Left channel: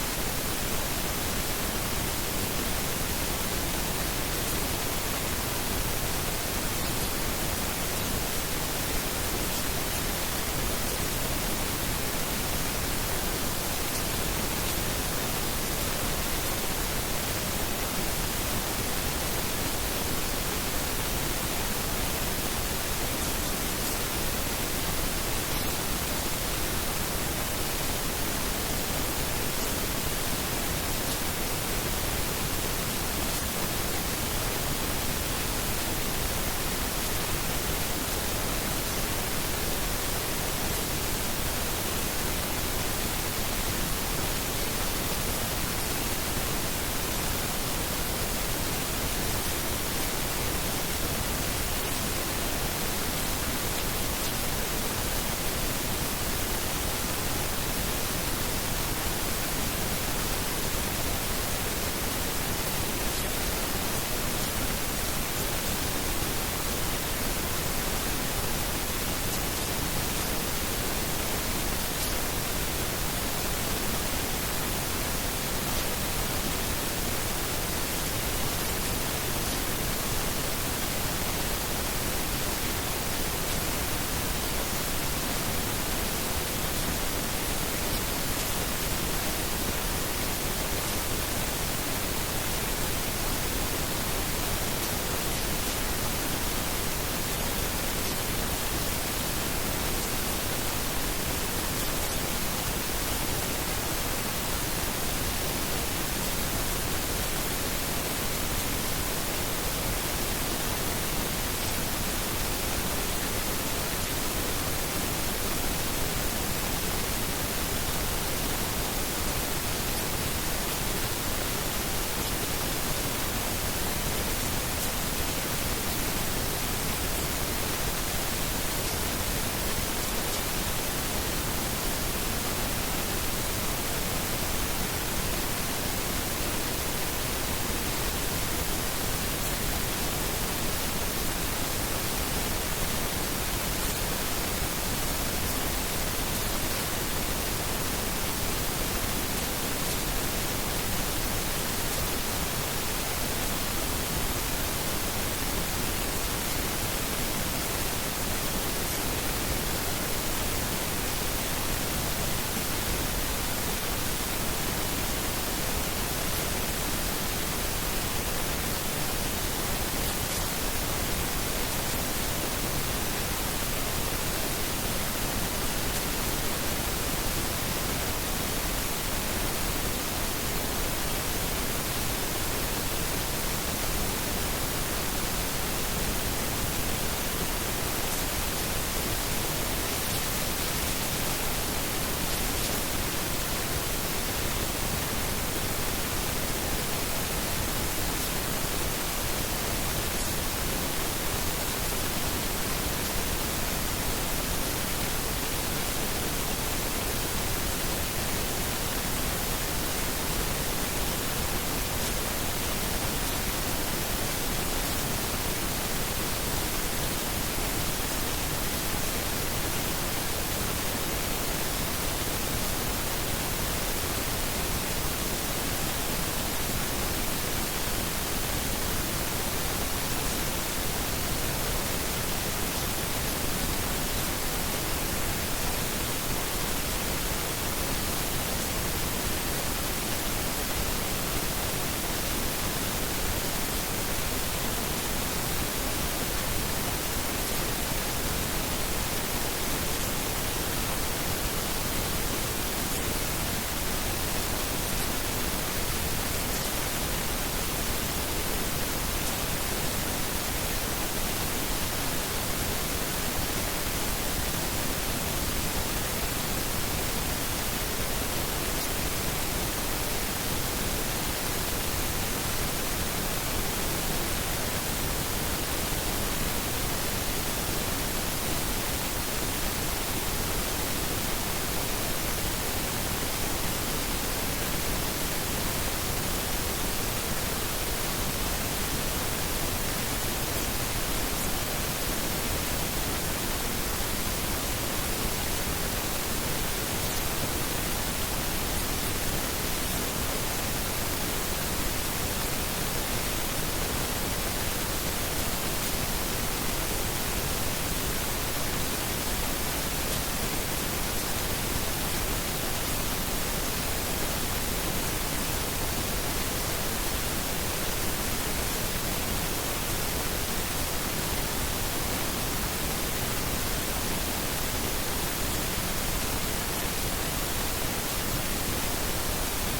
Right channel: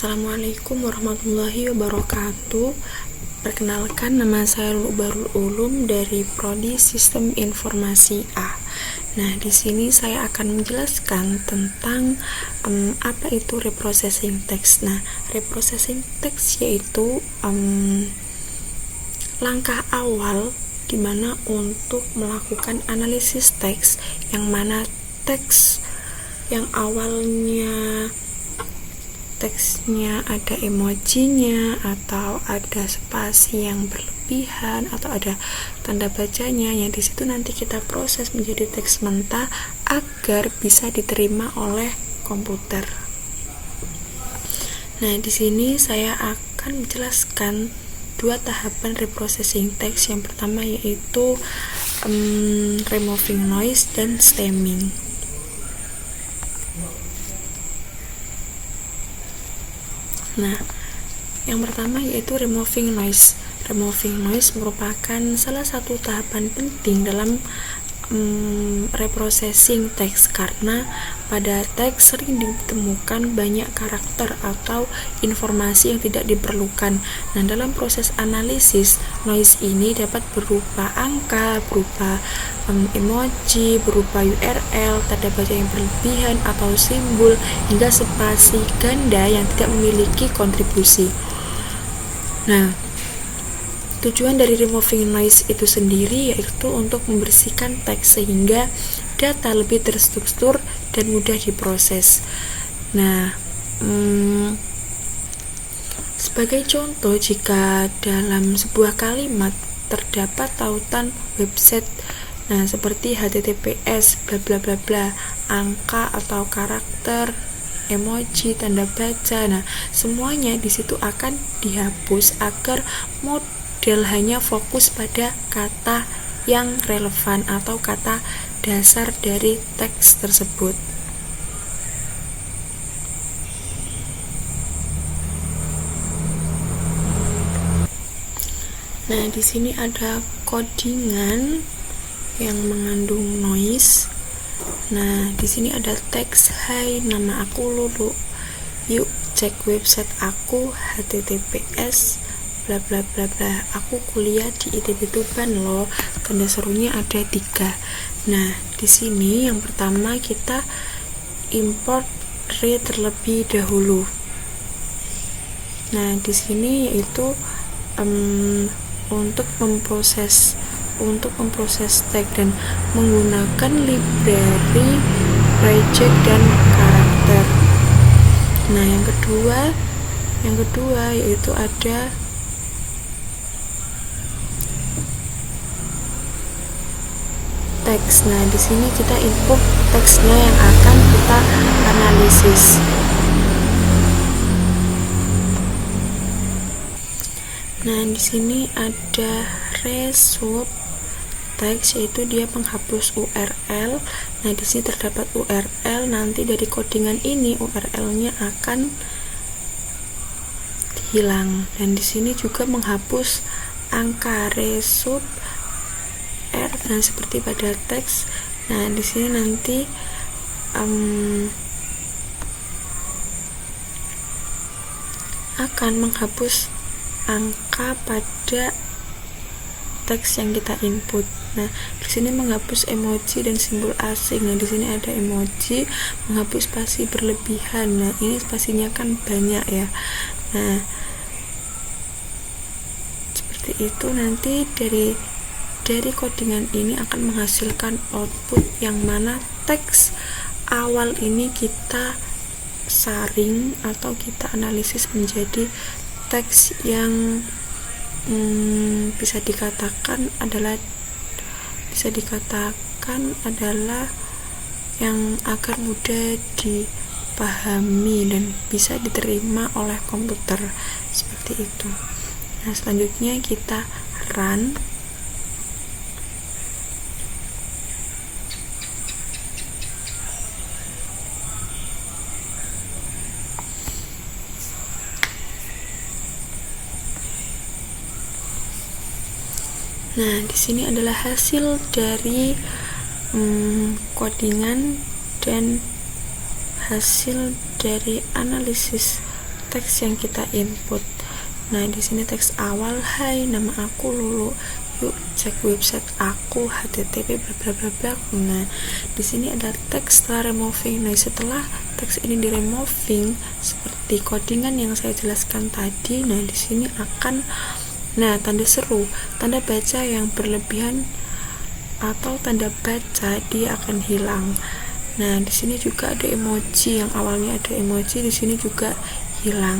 Assalamualaikum warahmatullahi wabarakatuh. Perkenalkan, nama saya Lubarul Ulum dari Prodi Sistem Informasi A. Nah, di sini saya akan menjelaskan tentang apa itu reprocessing text. Nah, reprocessing text yaitu langkah awal di mana untuk melakukan analisis teks, yang mana teks yang awalnya teksnya ada emojinya atau ada spasi yang berlebihan atau ada tanda bacanya, yang di situ nanti kita proses menjadi teks mentah agar bisa diterima oleh komputer. Nah, di sini saya akan menjelaskan dua tahapan reprocessing text. Yang pertama yaitu removing noise dan stemming. Nah, yang pertama yaitu removing noise. Removing noise merupakan salah satu tahapan penting dalam reprocessing teks, karena pada teks sering ditemukan banyak karakter atau informasi yang tidak diperlukan. Nah, dalam proses analisis, noise ini dapat berupa angka, berupa emoji, berupa URL, tanda baca yang berlebihan atau simbol, hingga spasi ganda yang tidak memiliki kontribusi. Nah, tujuan dari removing noise itu sendiri yaitu untuk membersihkan teks sehingga data lebih terstruktur dan mudah diproses. Nah, sebagai contoh, jika dalam sebuah kalimat terdapat tautan website, nah seperti HTTPS, bla bla bla bla, angka atau karakter, emoji, tanda baca, nah semuanya di situ akan dihapus agar model hanya fokus pada kata yang relevan atau kata dasar dari teks tersebut. Nah, di sini ada codingan yang mengandung noise. Nah, di sini ada teks, "Hai, nama aku Lulu. Yuk cek website aku HTTPS bla bla bla bla. Aku kuliah di ITB Tuban loh. Gambar serunya ada 3." Nah, di sini yang pertama kita import tree terlebih dahulu. Nah, di sini yaitu untuk memproses tag dan menggunakan library project dan karakter. Nah, yang kedua yaitu ada teks. Nah, di sini kita input teksnya yang akan kita analisis. Nah, di sini ada result teks, yaitu dia menghapus URL. Nah, di sini terdapat URL. Nanti dari codingan ini URL-nya akan hilang. Dan di sini juga menghapus angka result. Nah, seperti pada teks. Nah, di sini nanti akan menghapus angka pada teks yang kita input. Nah, di sini menghapus emoji dan simbol asing. Nah, di sini ada emoji, menghapus spasi berlebihan. Nah, ini spasinya kan banyak ya. Nah, seperti itu. Nanti dari codingan ini akan menghasilkan output yang mana teks awal ini kita saring atau kita analisis menjadi teks yang bisa dikatakan adalah yang agar mudah dipahami dan bisa diterima oleh komputer, seperti itu. Nah, selanjutnya kita run. Nah, di sini adalah hasil dari codingan dan hasil dari analisis teks yang kita input. Nah, di sini teks awal, hai, nama aku Lulu, yuk cek website aku http bla bla bla. Nah, di sini ada teks setelah removing. Nah, setelah teks ini di removing seperti codingan yang saya jelaskan tadi, nah di sini akan tanda seru, tanda baca yang berlebihan atau tanda baca dia akan hilang. Nah, di sini juga ada emoji, yang awalnya ada emoji di sini juga hilang.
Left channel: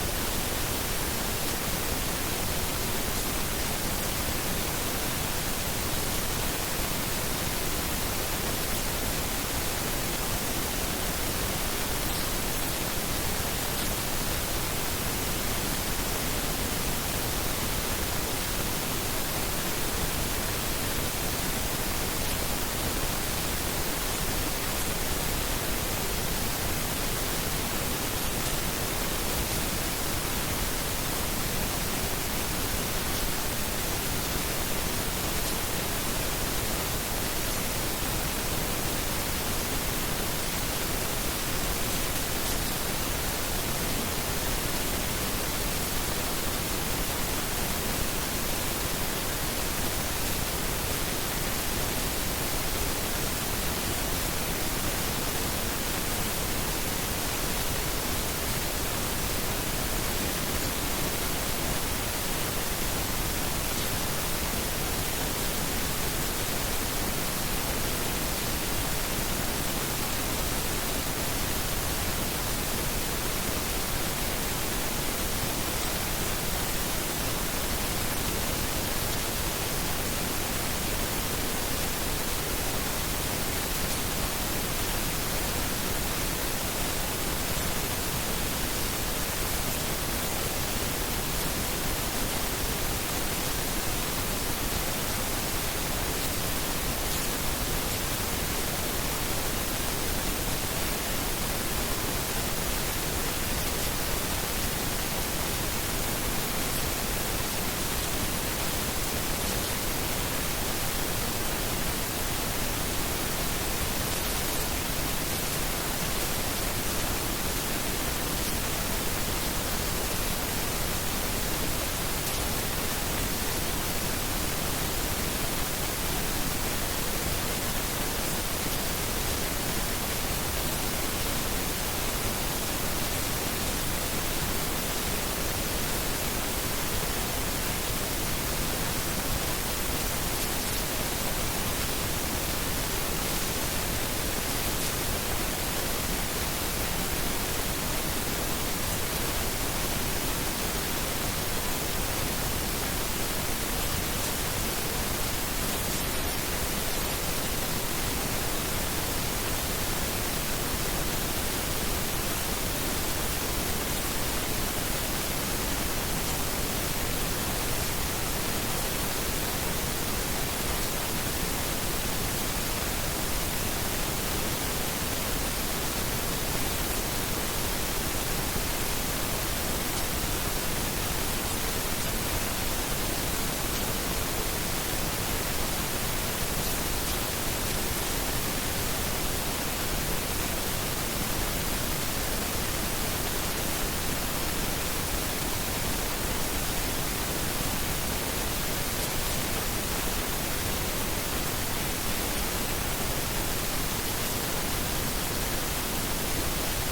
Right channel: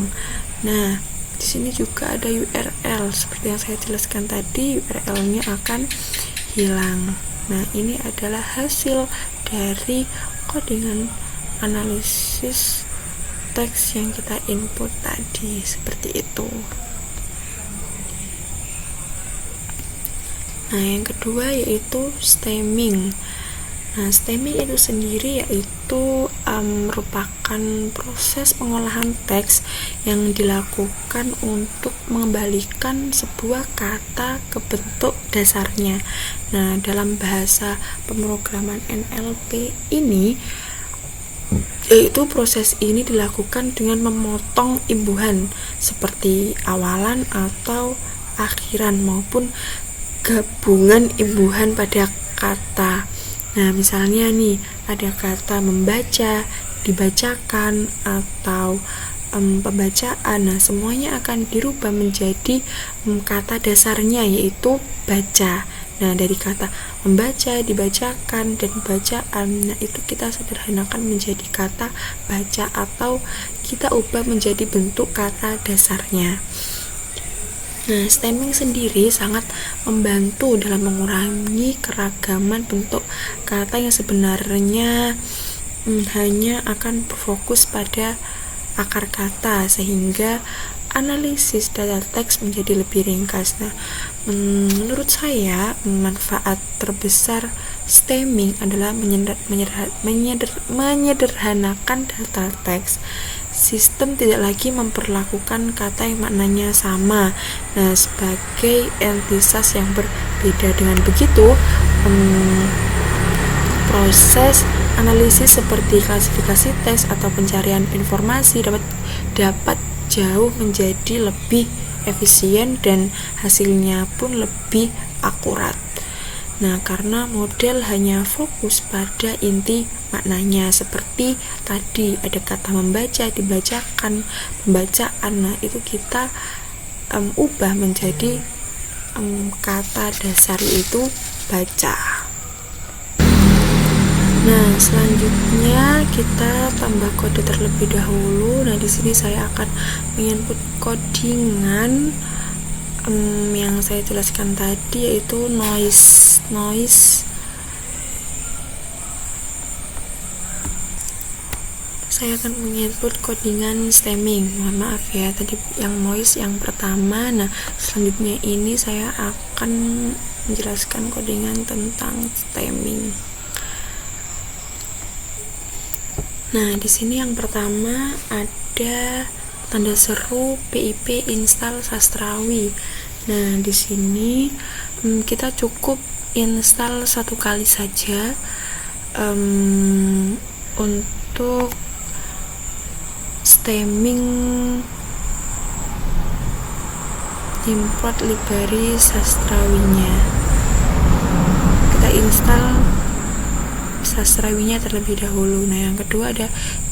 Nah, di sini juga ada URL seperti yang saya jelaskan tadi, URL-nya akan hilang. Nah, ini adalah hasil dari codingan analisis teks yang kita input tadi, seperti itu. Nah, yang kedua yaitu stemming. Nah, stemming itu sendiri yaitu merupakan proses pengolahan teks yang dilakukan untuk mengembalikan sebuah kata ke bentuk dasarnya. Nah, dalam bahasa pemrograman NLP ini, yaitu proses ini dilakukan dengan memotong imbuhan seperti awalan atau akhiran maupun gabungan imbuhan pada kata. Nah, misalnya nih ada kata membaca, dibacakan, atau pembacaan. Nah, semuanya akan dirubah menjadi kata dasarnya yaitu baca. Nah, dari kata membaca, dibacakan, dan bacaan, nah itu kita sederhanakan menjadi kata baca atau kita ubah menjadi bentuk kata dasarnya. Nah, stemming sendiri sangat membantu dalam mengurangi keragaman bentuk kata yang sebenarnya hanya akan berfokus pada akar kata, sehingga analisis data teks menjadi lebih ringkas. Nah, menurut saya manfaat terbesar stemming adalah menyederhanakan data teks. Sistem tidak lagi memperlakukan kata yang maknanya sama sebagai entitas yang berbeda. Dengan begitu, proses analisis seperti klasifikasi teks atau pencarian informasi dapat jauh menjadi lebih efisien dan hasilnya pun lebih akurat. Nah, karena model hanya fokus pada inti maknanya, seperti tadi ada kata membaca, dibacakan, pembacaan. Nah, itu kita ubah menjadi kata dasar yaitu baca. Nah, selanjutnya kita tambah kode terlebih dahulu. Nah, di sini saya akan menginput codingan yang saya jelaskan tadi yaitu noise. Saya akan menginput codingan stemming. Mohon maaf ya, tadi yang noise yang pertama. Nah, selanjutnya ini saya akan menjelaskan codingan tentang stemming. Nah, di sini yang pertama ada tanda seru PIP install Sastrawi. Nah, di sini kita cukup install satu kali saja untuk stemming import library Sastrawinya. Kita install Sastrawinya terlebih dahulu. Nah, yang kedua ada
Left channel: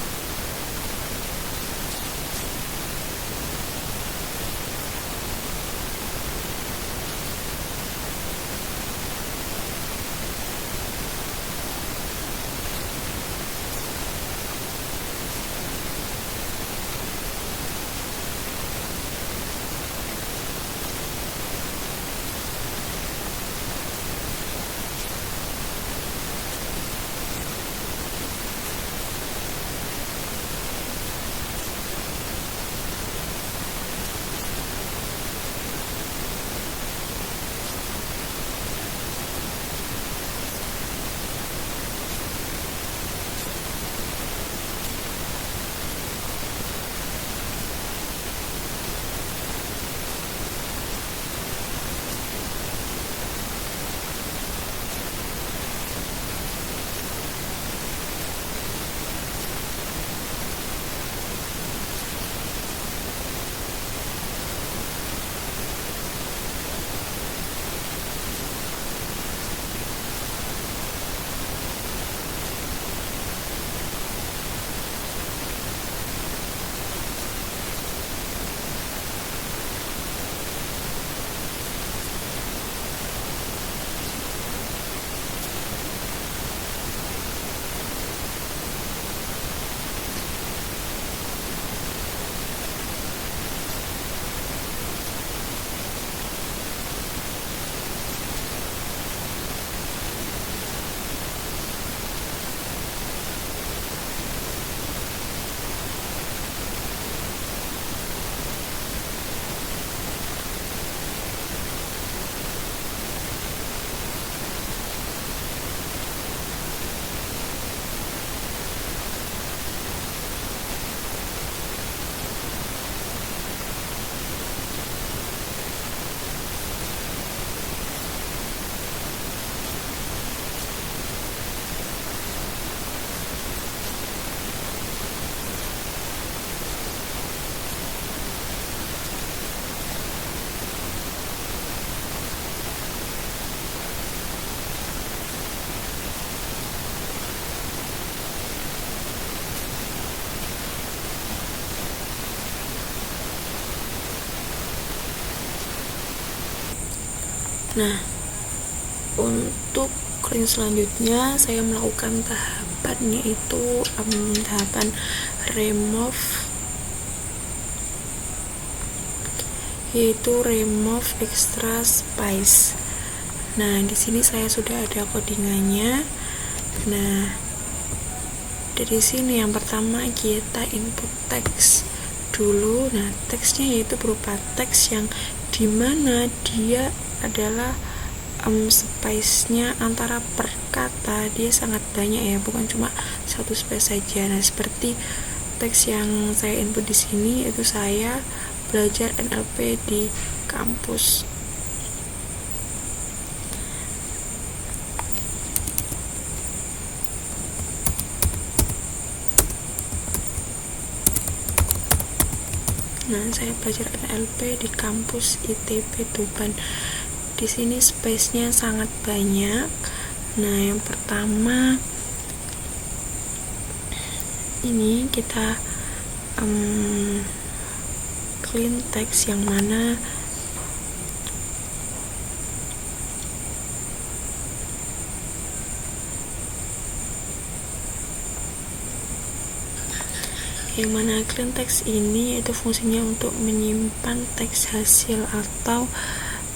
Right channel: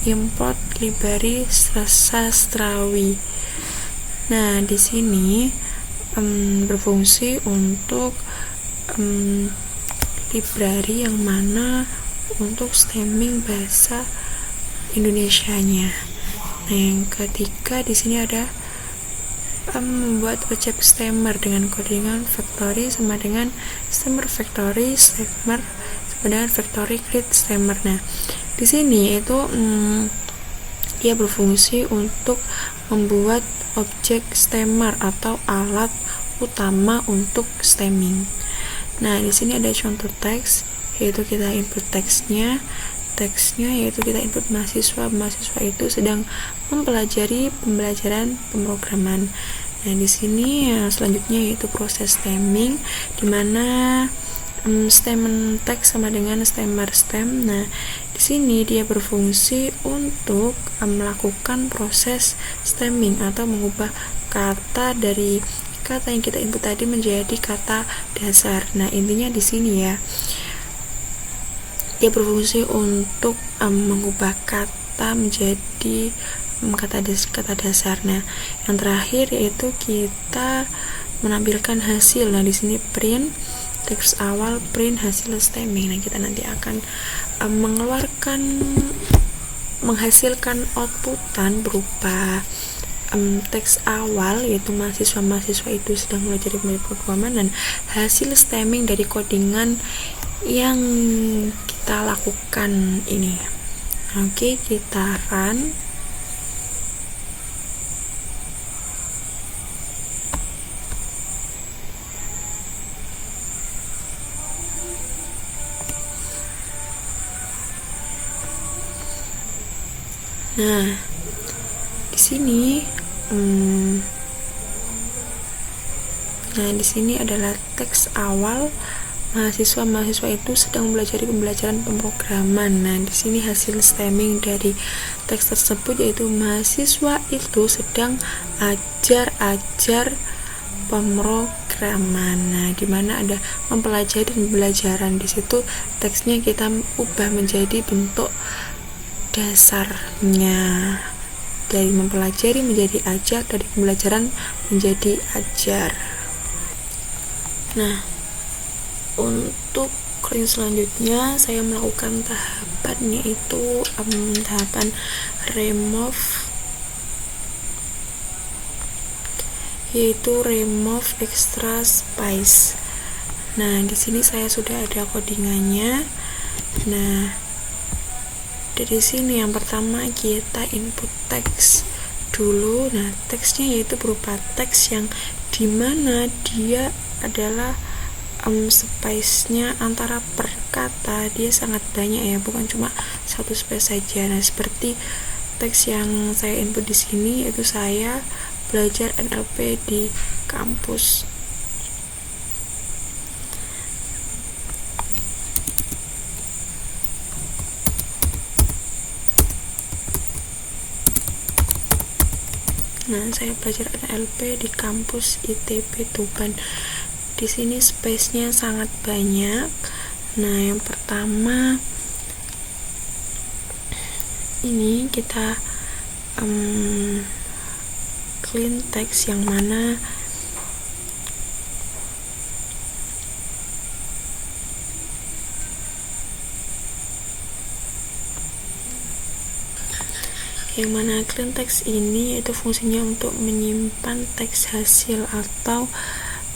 import library Sastrawi. Nah, di sini berfungsi untuk library yang mana untuk stemming bahasa Indonesianya. Nah, yang ketiga di sini ada membuat objek stemmer dengan codingan factory sama dengan stemmer factory stemmer dengan factory create stemmer. Nah, di sini itu dia berfungsi untuk membuat objek stemmer atau alat utama untuk stemming. Nah, di sini ada contoh teks, yaitu kita input teksnya yaitu kita input mahasiswa itu sedang mempelajari pembelajaran pemrograman. Nah, di sini selanjutnya yaitu proses stemming, di mana stem teks sama dengan stemmer stem. Nah, Di sini dia berfungsi untuk melakukan proses stemming atau mengubah kata dari kata yang kita input tadi menjadi kata dasar. Nah, intinya di sini ya, dia berfungsi untuk mengubah kata menjadi kata dasar. Nah, yang terakhir yaitu kita menampilkan hasil. Nah, di sini print teks awal, print hasil stemming. Nah, kita nanti akan menghasilkan outputan berupa teks awal, yaitu mahasiswa itu sedang belajar di pemrograman, dan hasil stemming dari codingan yang kita lakukan ini. Oke, kita run. Nah, di sini adalah teks awal, mahasiswa itu sedang belajar pembelajaran pemrograman. Nah, di sini hasil stemming dari teks tersebut yaitu mahasiswa itu sedang ajar pemrograman. Nah, di mana ada mempelajari pembelajaran, di situ teksnya kita ubah menjadi bentuk dasarnya, dari mempelajari menjadi ajar, dari pembelajaran menjadi ajar. Nah, untuk screen selanjutnya saya melakukan tahapan, yaitu tahapan remove extra space. Nah, di sini saya sudah ada codingannya. Nah, dari sini yang pertama kita input teks dulu. Nah, teksnya yaitu berupa teks yang dimana dia adalah space-nya antara per kata dia sangat banyak ya, bukan cuma satu space saja. Nah, seperti teks yang saya input di sini, yaitu saya belajar NLP di kampus. Nah, saya belajar NLP di kampus ITB Tuban. Di sini space-nya sangat banyak. Nah, yang pertama ini kita clean text, yang mana clean text ini itu fungsinya untuk menyimpan teks hasil atau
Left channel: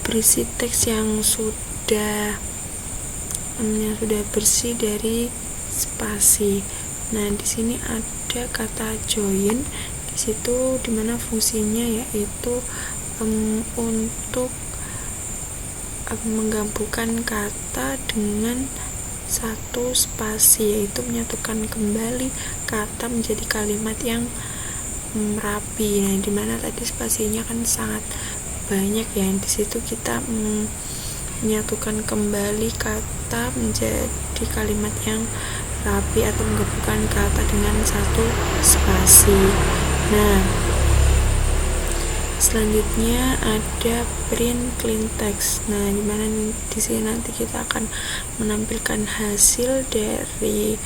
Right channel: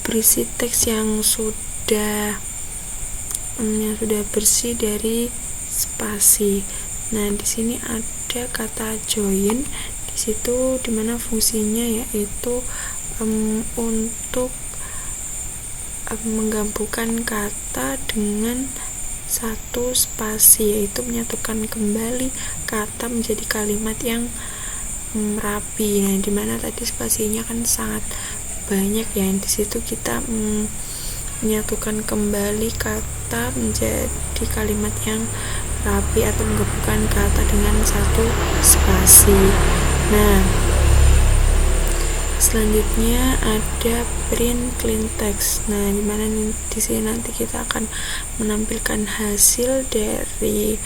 berisi teks yang sudah bersih dari spasi. Nah, di sini ada kata join di situ, dimana fungsinya yaitu untuk menggabungkan kata dengan satu spasi, yaitu menyatukan kembali kata menjadi kalimat yang rapi. Nah, dimana tadi spasinya kan sangat banyak ya, di situ kita menyatukan kembali kata menjadi kalimat yang rapi atau menggabungkan kata dengan satu spasi. Nah, selanjutnya ada print clean text. Nah, dimana di sini nanti kita akan menampilkan hasil dari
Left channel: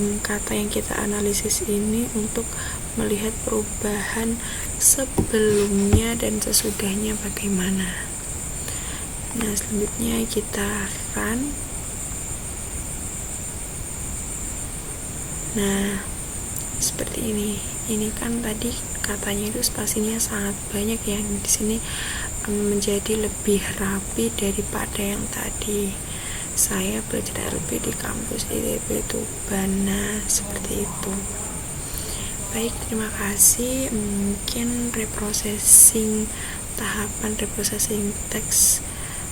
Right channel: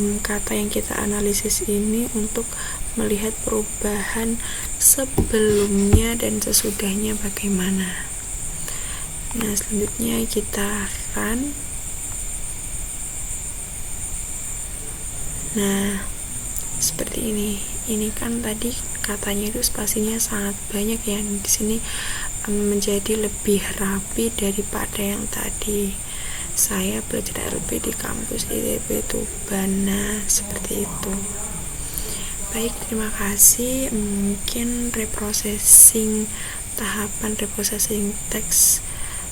kata yang kita analisis ini untuk melihat perubahan sebelumnya dan sesudahnya bagaimana. Nah, selanjutnya kita run. Nah, seperti ini. Ini kan tadi katanya itu spasinya sangat banyak ya. Di sini menjadi lebih rapi daripada yang tadi. Saya belajar NLP di kampus ITB Tuban. Nah, seperti itu. Baik, terima kasih. Mungkin tahapan reprocessing teks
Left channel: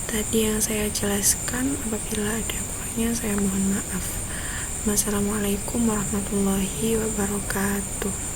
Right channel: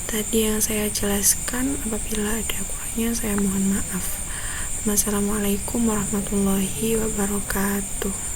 tadi yang saya jelaskan, apabila ada kurangnya saya mohon maaf. Wassalamualaikum warahmatullahi wabarakatuh.